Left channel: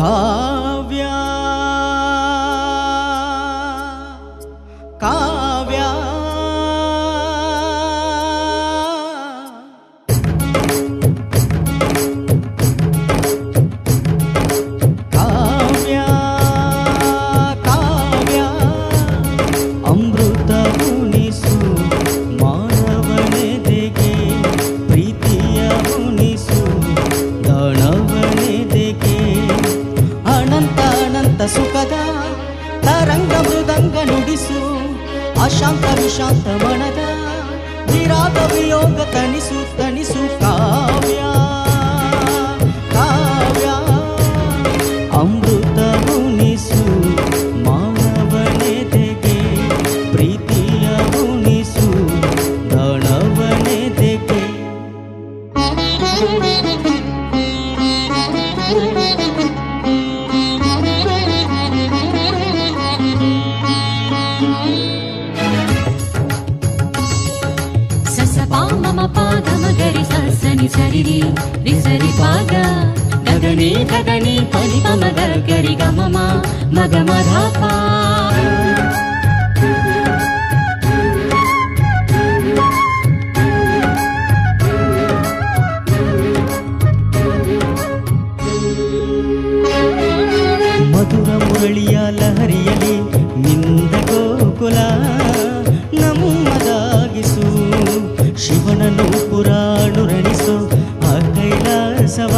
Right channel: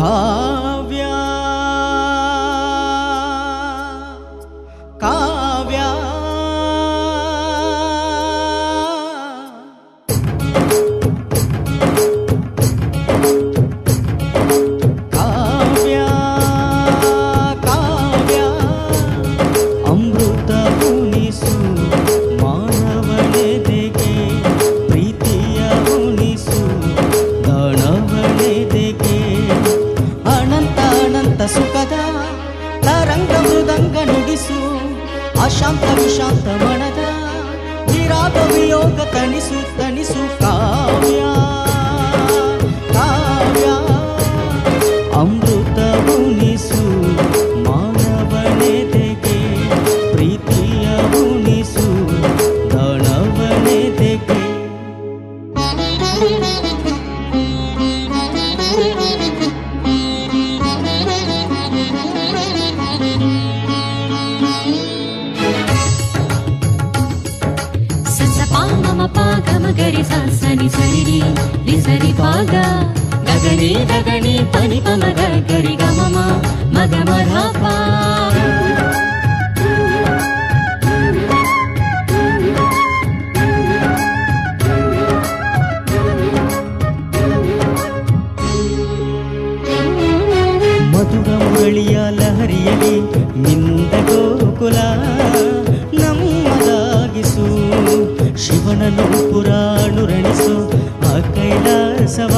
ಕಾವ್ಯ ಕಾವ್ಯ ಕಾವ್ಯ ಕಾವ್ಯ ಅಮೃತ ಉಣಿಸು ಮಾನವನೆದೆಗೆ ಪ್ರೀತಿಯ ಉಣಿಸು ದಾನವನೆದೆಗೆ ಅನಂತ ಅನಂತ ಸುಖದ ತರಂಗ ಮೃದಂಗ ನುಡಿಸು ಅಶಾಂತ ವಿಶಾಂತ ಮನದ ವಿರಾಗ ವಿಯೋಗ ತಣಿಸು ತಣಿಸು ಕಾವ್ಯ ಕಾವ್ಯ ಅಮೃತ ಉಣಿಸು ಮಾನವನೆದೆಗೆ ಪ್ರೀತಿಯ ಉಣಿಸು ದಾನವನೆದೆಗೆ ಗರಿ ಸನಿ ಸರಿ ರಿಸರಿ ಪಾಗ ಗಗನಿ ಗಗನಿ ಪನಿ ಪಮಗ ಗರಿ ಗಮಮ ಮಗ ಮಧಪ ಮಧುರ ಮುರಳಿಯ ಲಹರಿಯಲಿ ನಿಂದ ಗೋಕುಲ ನಮ್ಮದಾಗಿಸು ಶಿವನನ್ನು ಪುರಾಣುರಣಿಸು ಆ ಕೈಲಾಸವ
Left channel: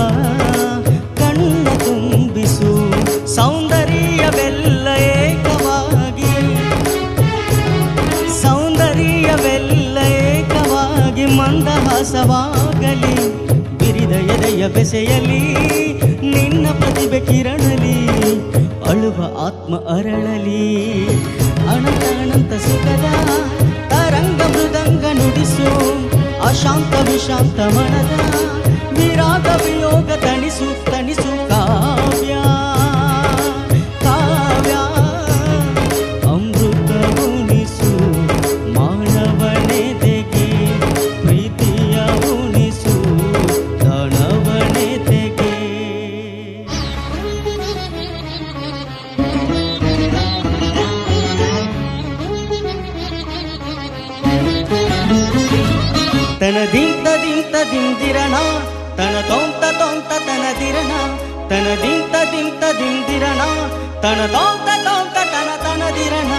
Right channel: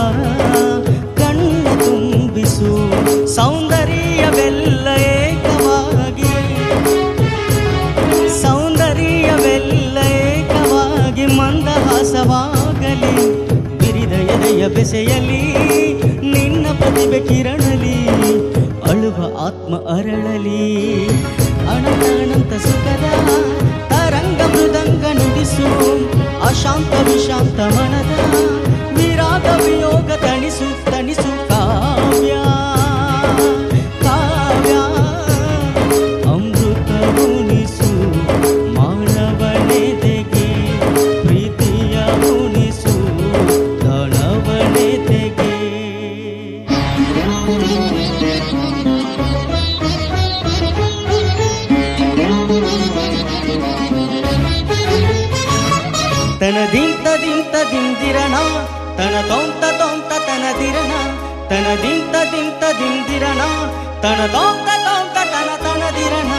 ಕಣ್ಣ ತುಂಬಿಸು ಸೌಂದರ್ಯವೆಲ್ಲ ಏಕವಾಗಿ ಸೌಂದರ್ಯವೆಲ್ಲ ಏಕವಾಗಿ ಮಂದಹಾಸವಾಗಲಿ ಬಿರಿದ ಎದೆಯ ಬೆಸೆಯಲಿ ನಿನ್ನ ಪ್ರತಿಭೆ ಕಿರಣಲಿ ಅಳುವ ಆತ್ಮ ಅರಳಲಿ ಅನಂತ ಅನಂತ ಸುಖದ ತರಂಗ ಮೃದಂಗ ನುಡಿಸು ಅಶಾಂತ ವಿಶಾಂತ ಮನದ ವಿರಾಗ ವಿಯೋಗ ತಣಿಸು ತಣಿಸು ಕಾವ್ಯ ಕಾವ್ಯ ಅಮೃತ ಉಣಿಸು ಮಾನವನೆದೆಗೆ ಪ್ರೀತಿಯ ಉಣಿಸು ದಾನವನೆದೆಗೆ ತನ ದಿಂತ ದಿಂತ ದಿಂದಿರಣ ತನ ತೋಂತ ತೋಂತ ತನದಿರಣ ತನ ದಿಂತ ದಿಂತ ದಿಂದಿರಣ ತನ ತೋಂತ ತೋಂತ ತನ ತನದಿರಣ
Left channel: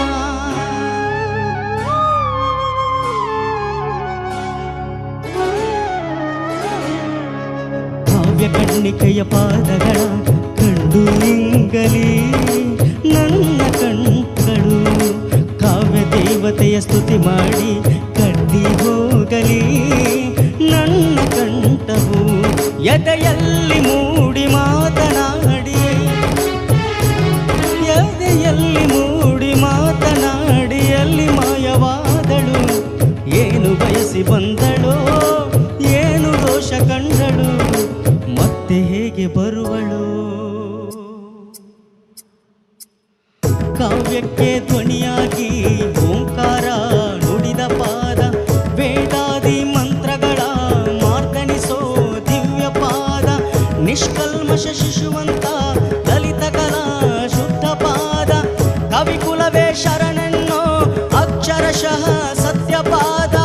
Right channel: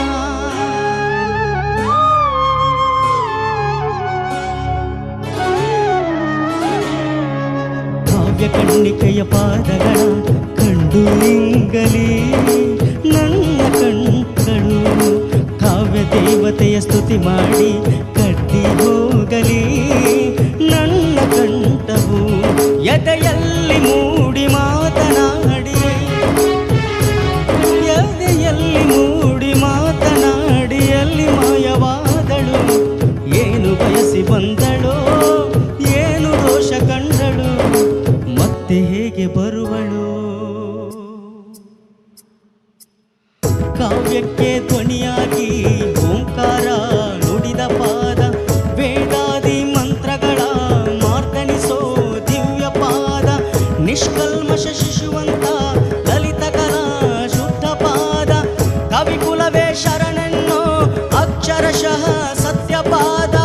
ಕಾವ್ಯ ಕಣ್ಣಿಕೆಯ ಪಾದಗಳ ಕಂಡು ಇಂಗಲಿ ನನ್ನ ಕಣ್ಗಳು ಕಾವ್ಯ ದೇವತೆಯ ಸ್ತುತಿ ಮಾಡಿ ಕಟ್ಟಿ ಹೋಗಲಿ ನನ್ನ ಕಂಠವು ಎದೆಯಲ್ಲಿ ಮೂಡಿ ಮಾತನಾಡಿ ಎದೆಯಲ್ಲಿ ಮೂಡಿ ಮಾತನಾಡಿಯಲ್ಲಿ ಮಾಯವಾದಳು ಏನು ಬಯಸಿ ಬಂದಳೋ ಏನು ದೋಷ ಕಂಡಳು ಮತ್ತೆ ಹೇಗೆ ಬರುವಳು ಕಾವ್ಯಕ್ಕೆ ಧ್ವನಿಯಾಗಿ ಓಂಕಾರ ನುಡಿದ ಪಾದ ವೇದಾದಿ ಮಂತ್ರಗಳ ಮಾರ್ದನಿಸೋ ದಿವ್ಯ ಪಾದ ನಿಷ್ಕಲ್ಮಶ ಶಿಶುವಂತ ಲಲಿತ ಕಲಾ ಶುದ್ಧ ಪಾದ ಕವಿಕುಲವೇ ಶರಣೆನ್ನೋ ಅಕ್ಷರಶಃ ಸತ್ಯಪಾದ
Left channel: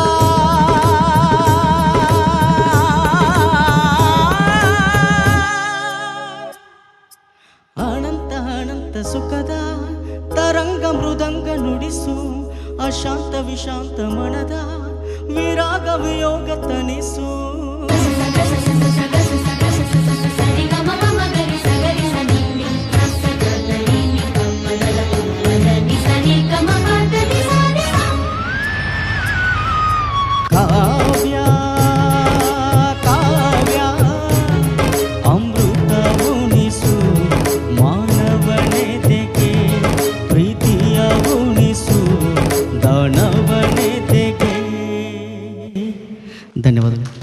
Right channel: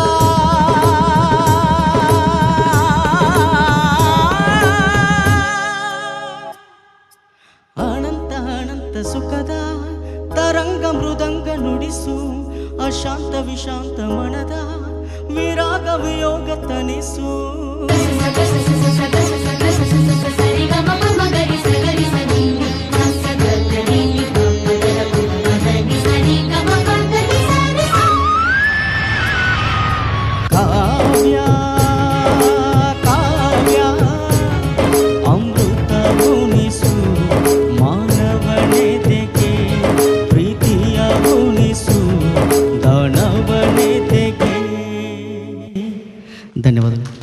ಅನಂತ ಅನಂತ ಸುಖದ ತರಂಗ ಮೃದಂಗ ನುಡಿಸು ಅಶಾಂತ ವಿಶಾಂತ ಮನದ ವಿರಾಗ ವಿಯೋಗ ತನಿಸು ಕಾವ್ಯ ಕಾವ್ಯ ಅಮೃತ ಉಣಿಸು ಮಾನವನೆದೆಗೆ ಪ್ರೀತಿಯ ಉಣಿಸು ದಾನವನೆದೆಗೆ ಧನ್ಯವಾದಗಳು.